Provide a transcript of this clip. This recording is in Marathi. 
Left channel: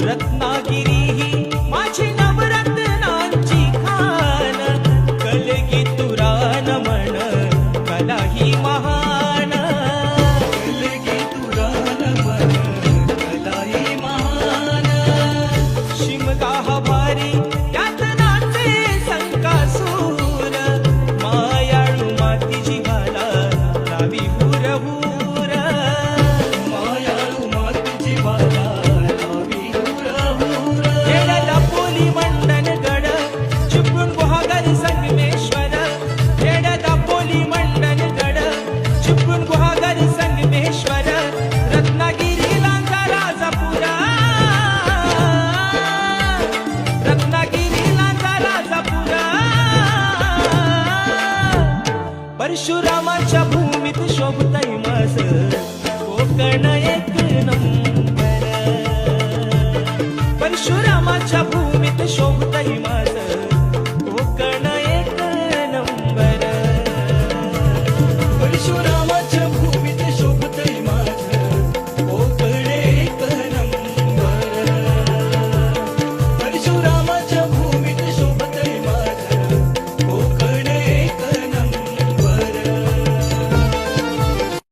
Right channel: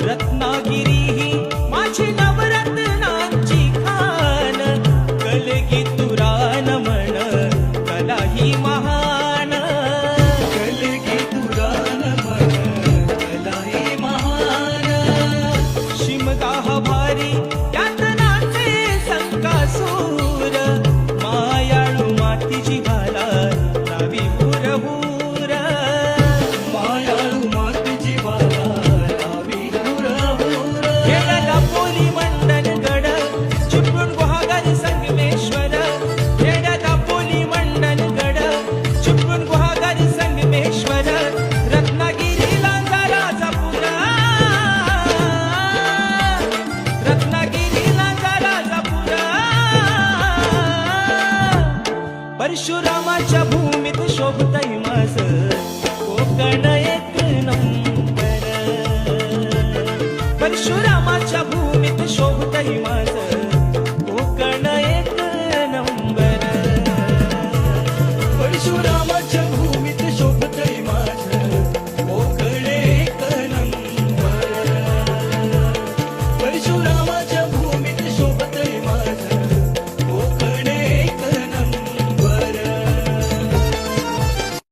रत्नागिरी ही माझी नवरत्नांची खान, कलगी तुरान म्हण कला ही महान. शिमगा हा भारी त्यात नाचे संकासूर, मायाळू माती जीवाला लावी हुर हुर. खेड्याला पोली मंडनगड चिपळूण गुहागर संगमेश्वर, खेड्याला पोली मंडनगड चिपळूण गुहागर संगमेश्वर, रत्नागिरी लांजा राजापुरा, रत्नागिरी लांजा राजापुरा. परशुरामाच्या भूमीत शोभतय माझ कोकण एक नंबर, परशुरामाच्या भूमीत शोभतय माझ कोकण